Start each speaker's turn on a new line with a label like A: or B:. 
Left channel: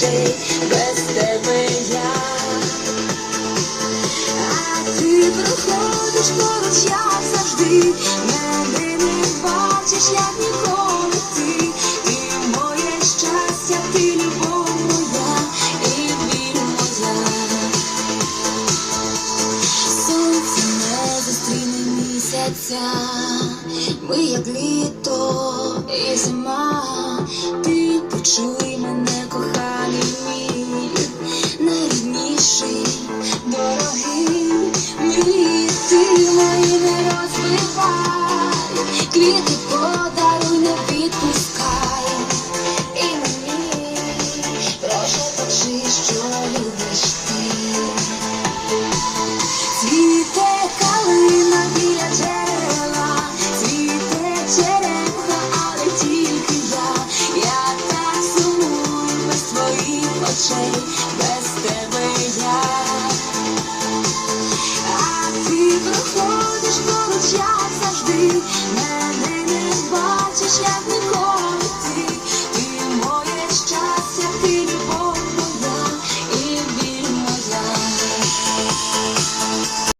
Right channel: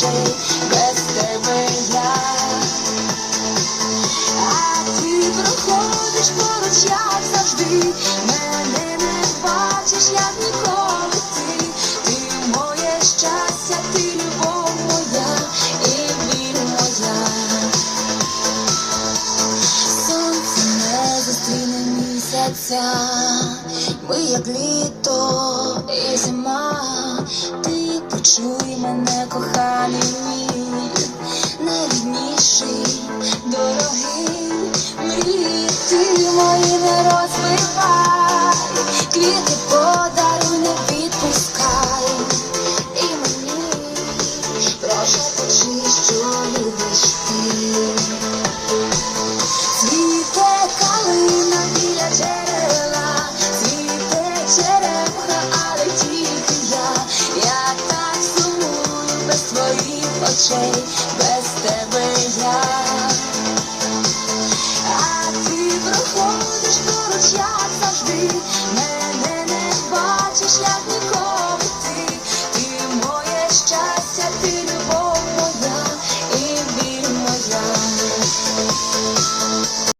A: без тебе я, ти проходиш поруч, як завжди, мене не бачиш, як ніколи ти, моє щастя, ти любов моя і вір сонце не зустріне місяця, ми як літо почуй мене, коханий мій, найрідніший, дорогий мрії, ти мої не розбивай, квіти подаруй, не відпускай. І мені прошу почи, що любиш ти. Цвіте калина біля джерела, цвіте черемха, без тебе я, а ти проходиш поруч, завжди, мене не бачиш, як не.